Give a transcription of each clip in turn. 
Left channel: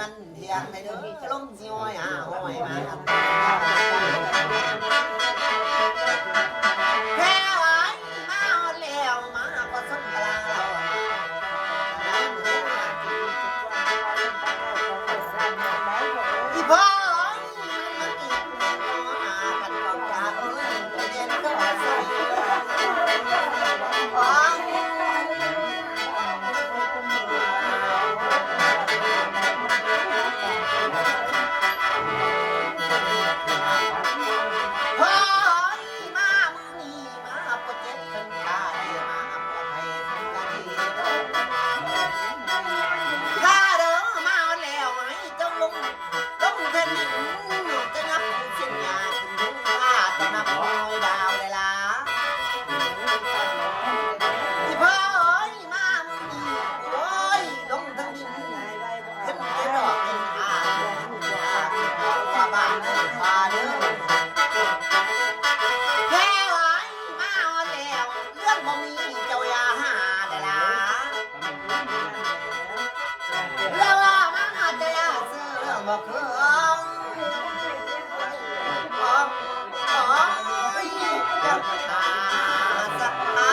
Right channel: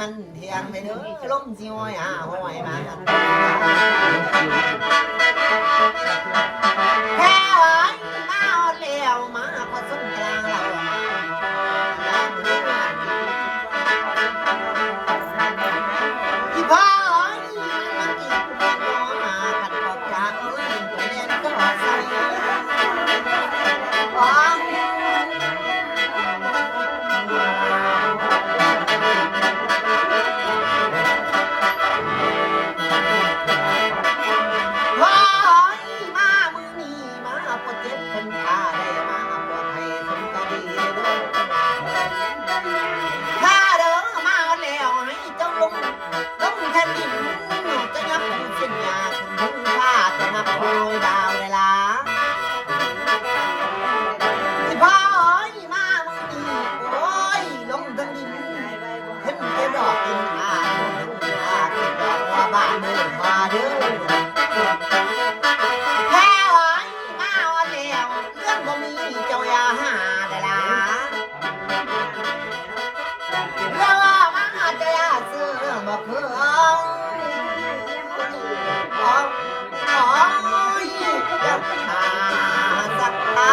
มันเทียงไปเด้อล้มสิห้อยห้อยมาแค่หวานมาเลี้ยวมาพอส้นกลางเราอีพ่อมันอีกกันกอกจากเมื่อเรียนก็ใส่บ้านเดินมาเด้อแค่หวานมาวันแล้วเรื่องบ่มีเจ้าอย่าหาได้ล่ะเรื่องมาแต่เสื้อบ่เคยจะหาสักตา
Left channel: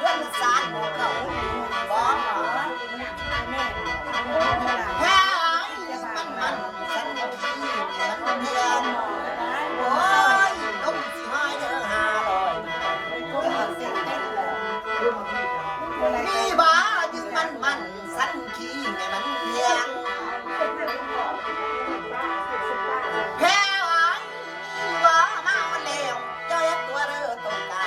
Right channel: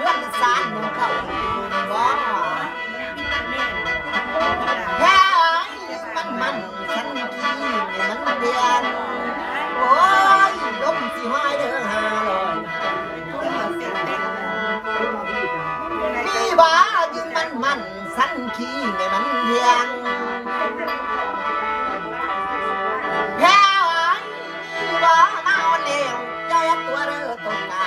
เรื่องสารเขาบ่แค่มันฉันขี้มันเดียนโอ้ยลมสิหายเด้อ500นี่บ้ายืนมันสันขี้ไม่มันเดียนแค่ว่ามาวันเลี้ยวเจ้ายักตัวเด้อตกตา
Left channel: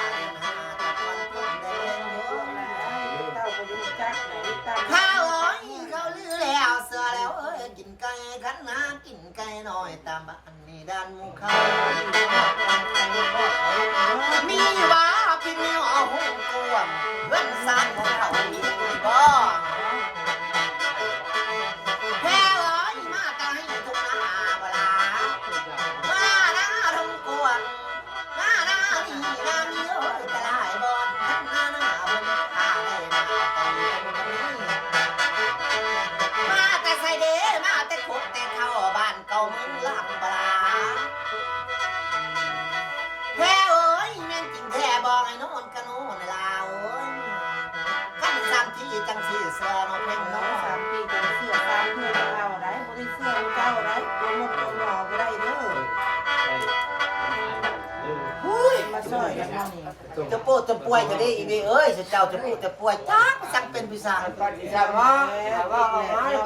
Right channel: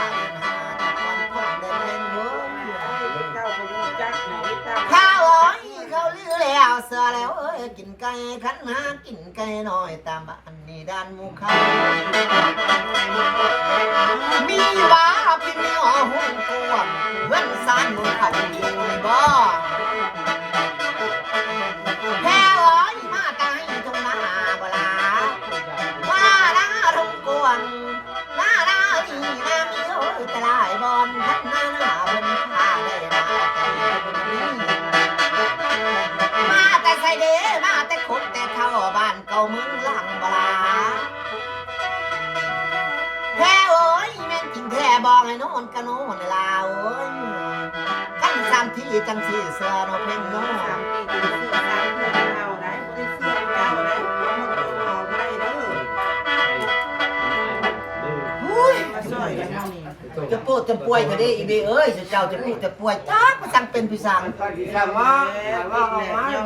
ข้าวอ้อยเขาลือแล้วเสือแล้วเอ้ยกินไก่ขันหากินไก่น้อยตามบ้านนี่ด้านหมู่เขามีบ้าพี่มีหัวหูกวางเพื่อนสานหมู่เขาบ่แค่อ้อยมาตายตรงหน้าบ่ลาว่าลาทงกวางลานี่นามีโอ้ยจะลายบอลขันหน้าบนข้าได้นะมาแต่ใส่เด้มาแต่คบแต่เข้าบ้านเก่าเมืองหลังบลาแพ้โอ้ยแม่นจริงแท้บอกให้นอนกันโน่นลาวโอ้ยขั้นสามที่จังที่เสือโนเพ่งโน่เสือสามที่เก่าไหนเสือเก่าไหนเอามาตัวได้เด้อ จะโปดจะป่วยจะได้อีเบเอ้ยเจ้าจะพูดจะป่วยจักจังเป็นพิสัง ว่า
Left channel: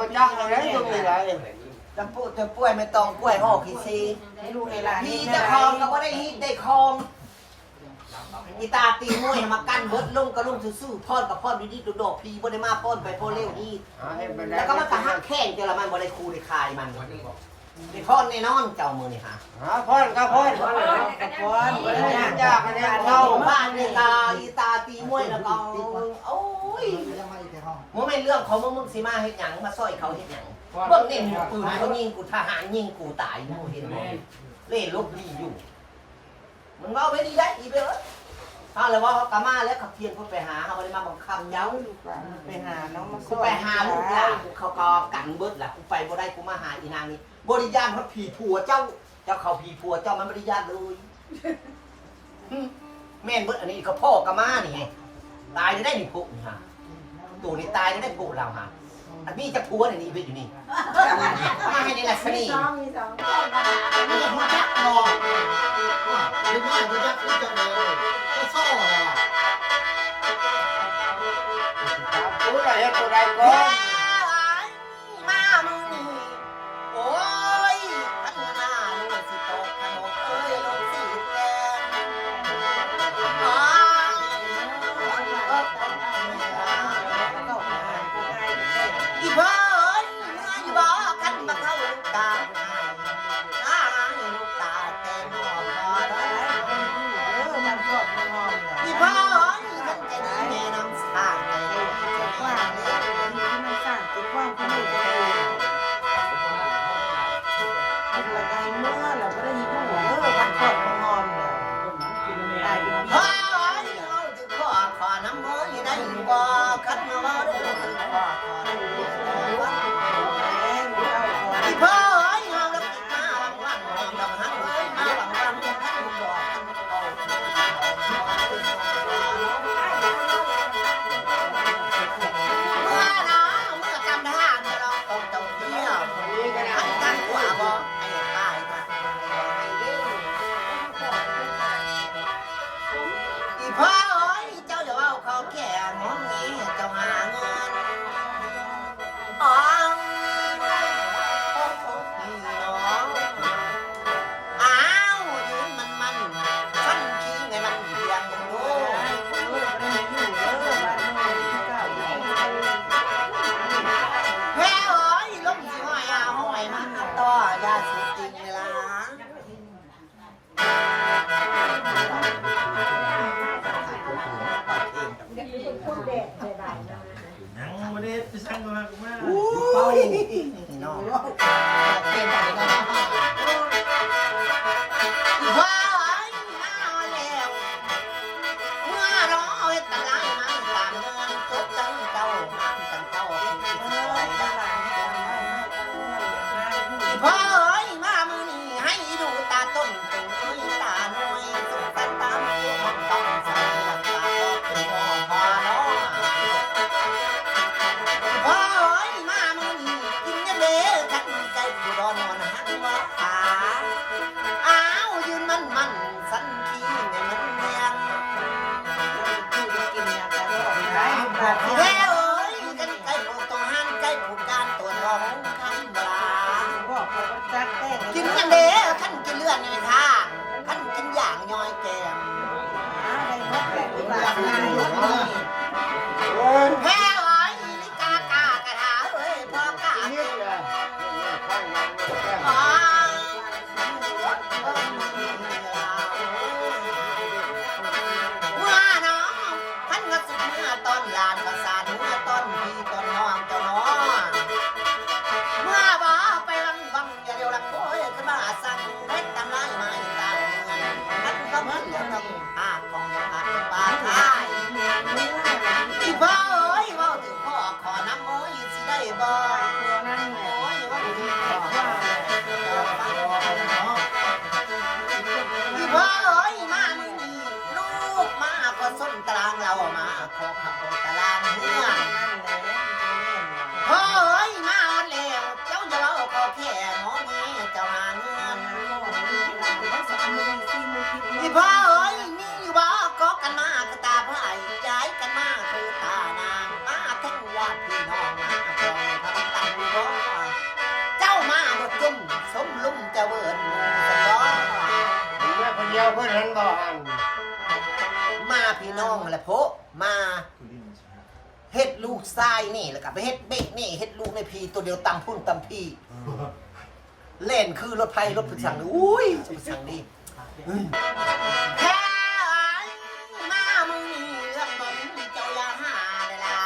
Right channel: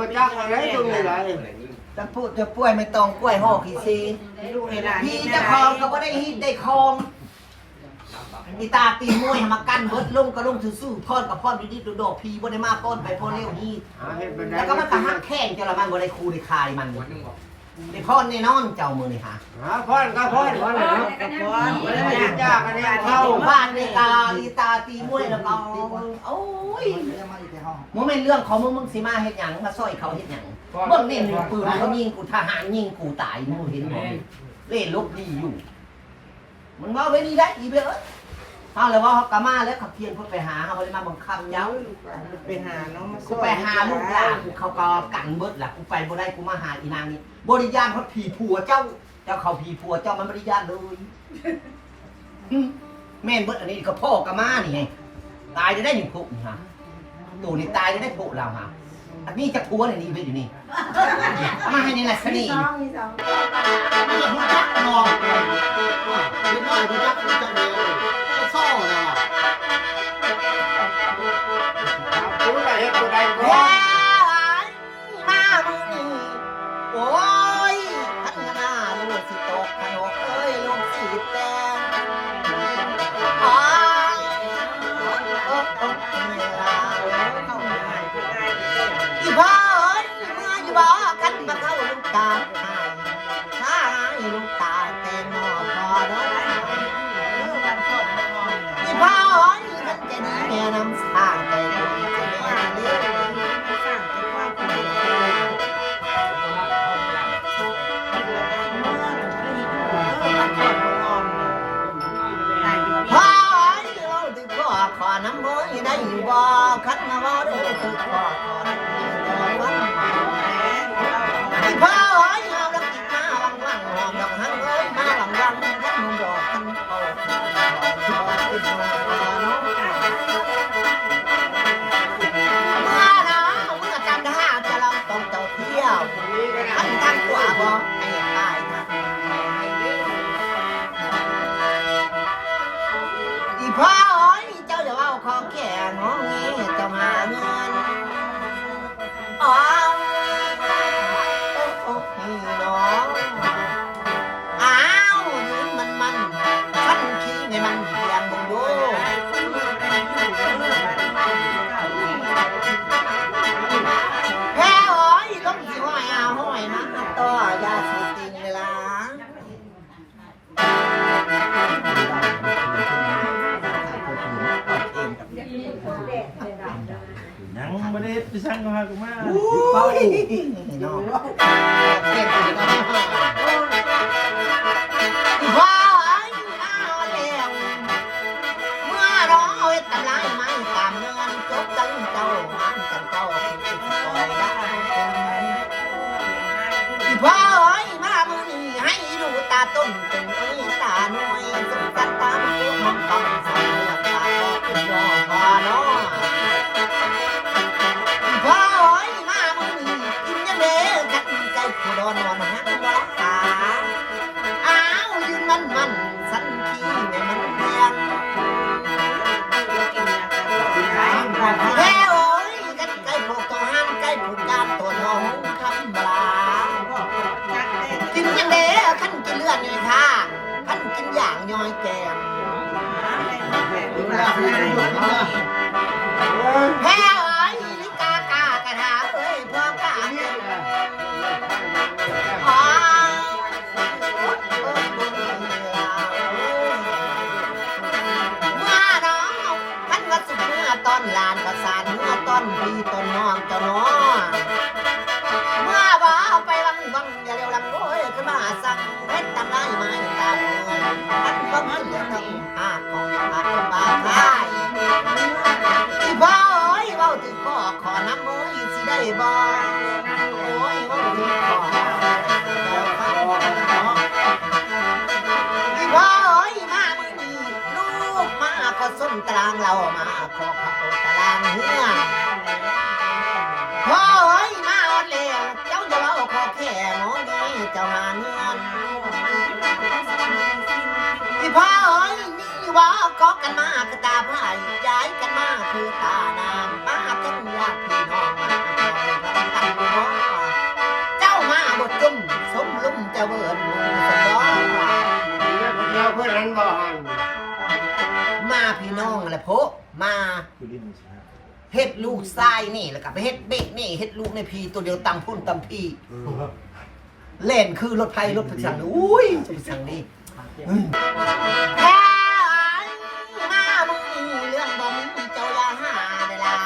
พระเจ้าอะไรตรงไหน จะพูดจะป่วยไม่ต้องป่วยห่อขี้ซีพี่จะคลองก็บ่ได้ฮีได้คลองอีตาตีมวยมากันเบิดลงก็ลงซื่อๆพรกับพรดีๆโดดๆพี่บ่ได้มาป้อนไปพ่นเร็วนี่แล้วก็มันก็หักแข้งเจ้าละมันบ่ได้คูได้คายมันไอ้พ่นแน่นอนเจ้ามือนี่ฮะ พ่อนก็พ่อนพ่อนจ้ากันเนี่ย เข้าบ้านในกาอีตาตีมวยแล้วก็โอ้ยมึงไม่เรื่องของมึงสิมาเฮ็ดหยังมาซอยเขาเฮ็ดหยังเบิ่งนี่มีปืนเขายิงกูทหารยิงกูตายมึงเห็นบ่เล่นลบดีอยู่มันเมาไว้ดีได้อีเบ้อเอาแล้วว่าเขากะมาแล้วเขาเทียนเขาไปหาเขาบ่ได้มาบังคับเย้า ไปหาน้องมา กูไปหาลูกหลานกูเขาก็กันเบิดล่ะกูไปบ่ได้กูมาหาอีนางนี่บริยานเขาผีผัวเจ้าเขาผีผัวเจ้ามันบริยานเลยแม่นเบิดอันนี้ก็พ่อกะมานี่ไงตายได้หนึ่งพุกนี่ฮะตู่นี่ตายได้พุกเราฮะอันนี้จะผัวนี่ดีไปอยู่นี่ทำมาให้ในนักสนีนี่หัวจักนอกไม่น้อยหัวจักจังเลยก็ซ่อเลย ผู้ใดผู้ใดก็ แย่มามึงโอ้ยพันนาลูกสิตกขนกเอ้ยลงสิแดงอ๋ออีพ่อเอ้ยเมื่ออยู่บ่กันมาเข้าลูกตาถ้าให้ลูกตาแต่นอพอเนาะอีพ่อเอ้ยมันจะดีแม่น้ำสร้างใจลูกจะแม่เลี้ยงพ่อเอ้ยเราถึงขอน้ำมือได้บ่คันมาบ่ได้ถึงขอน้ำมือจะมาวันอีพ่อเอ้ยเอาดอกอีมาวังวังหอมดอกหังเอ้ยมาวังวังคันดอกคันโตมาเนาะเมื่อจำได้จะลองต้องเจ้าเที่ยวอันทางขวาบ่ให้ตายนะอีพ่อเอ้ยเจ้าจะเอาเขาแก่งองี้เจ้าหาเงินอ๋อโอ้โหน้องอ้าวยืนมันฉันขี้ไงมันเพียงบงดูแพ้เอ้ยล้มสิห้อยเอาห้อยมาต่อยาสีติงเวลานังไม่ได้ไปสร้างมากูมา เฮ้ยน้องเต้นอีกแล้วว้าวไอ้น้าเลี้ยงเมื่อรอเวทลายไม่ตามเงินจบจังเจ้ามันจังเจ้าคือสิคอยได้อีพ่อเอ้ยมามึงให้ดูตาต้นตึงอุ้ยตาหน่อยสุดจันตามมันต้องใส่หลักตาบอกคุณยอพอเนาะพ่อเอ้ยมามึงกินยังเด้กันใจผู้ดอนนอนหักว่าตาอ้าวยืนมันสันขี้ในมันเพียงแค่เอ้ยกันไก่ผูกตัวห้ามไก่ผูกกาดตัวน้องคำบลากินยังเด้ขันกินเลือดนี่ค่ะขันกินอย่างย่อยแกมแพ้เอ้ยลิกากากระถาเอ้ยพ่อกาอ๋อเมื่อน้องขันว่าสุดเมื่อตอนลานประสานเมื่อตอนพี่ตอนน้องเจ้าน้องเมื่อบ่ไปวังอย่าเร็วลังโอ้ยขึ้นมาสั่งเพชรตำไรไม้ตาเมืองขันก็เหมือนเหลือทั้งห้าของหาบาทาย อีพ่อเอ้ยเว้าถึงขอน้ำมือสิได้บ่โอ้ยเว้าถึงอีพ่อเอ้ยมามึงนี่ลูกมาก็ส้นตารางเรามาขอขับตารางเฮือนพ่อเอ้ยมาอดเลี้ยงเจ้าจะเว้าขอแค่หมอนี่เจ้าหาเงิน อีพ่อเอ้ยมีว่าก็กันมาคือตาพ่ายย้ายกันมาคือตานางมาทั้งญาติพี่น้องมาพอเลยทำกันพ่อเจ้ามาบดจุ่มสมลุ่มจะเวิร์นมูสมดอ คนเดียวเพื่อนนั้นบ่หัน มาพี่น้องแหละโพมา คือดินใช่ไหม เฮ็ดลูกทรายนี่แล้วก็ไปเฮ็ดเบ็ดนี่เฮ็ดลูกในพีตัวเดียวตังพุ่นตังพีเล่นคือรถไฟรถสั่งนี่อุ้ยจะไปสั่งนี่แค่มามึงนี่เรื่องบ่มีเจ้าอย่าหาได้ล่ะ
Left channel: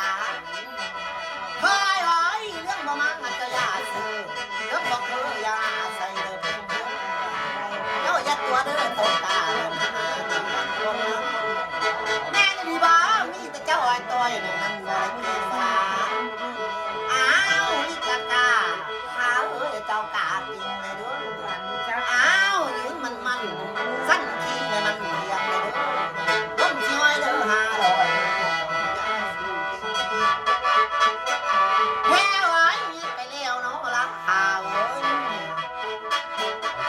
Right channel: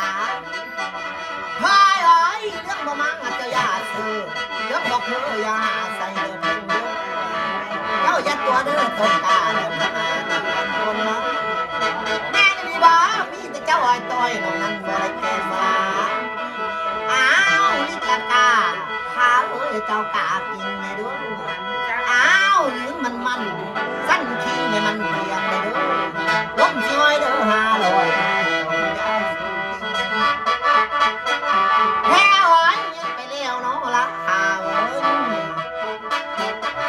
เฮ้ยเอ้ยเรื่องบ่มังเจ้าอย่าซื้อเรื่องบ่คืออย่าใส่เด้อเพิ่นเด้อเจ้าอย่าตัวเด้อคนตาเด้อคนนะแม่นี่บ่มีแต่เจ้าอ้อยต้อยน้องนั้นบ่ได้แก่ฟ้าอ้าวนี่กะตาพาเอ้ยเจ้ากากินในด้วยอ้าวยืนมันสั้นขี้ในมันเรียงในด้วยล้มช่วยเด้อ500แค่ไว้ไปเลี้ยวเนาะละหาเอ้ย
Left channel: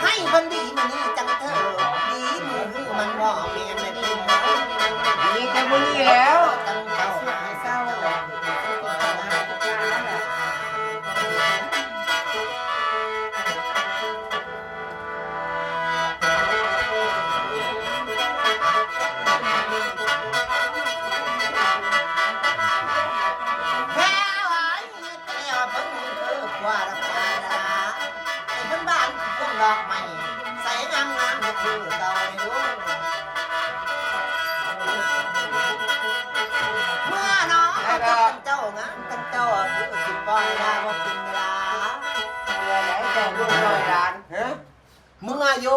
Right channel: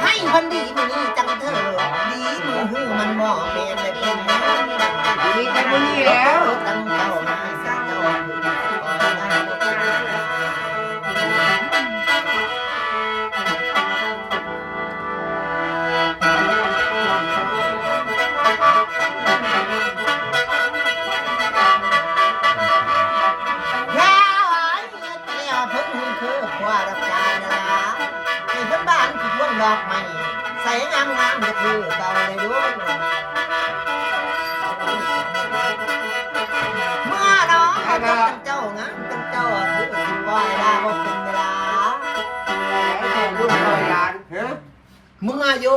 ให้พันดีมันนี่จังเถอะดีมือหือมันบ่เปลี่ยนเลยเป็นเด้อ มีกันนี่แล้ว จังเจ้ามาสักเจ้าแค่ไอ้เที่ยวเพิ่งคือว่ารับใจนะไอ้เพิ่นบ้านคือพวงดอกไม้ใส่งามก็คือเก่าเลยด้วยเมื่อน้องเขาจะเป็นเจ้างามเป็นเจ้าคือว่าเวลาบ่เป็นเวลา ลูกเยานเฮ้ย เมื่อโย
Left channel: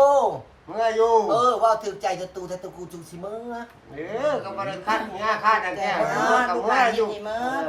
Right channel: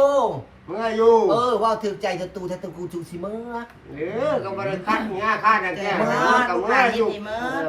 เมื่ออยู่ ว่าถือใจจะตูแทตูกูจูสิเมื่อ ก็บริคัดเงี้ยค่าดังแก่ เมื่อ กับเมื่ออยู่ เมื่อ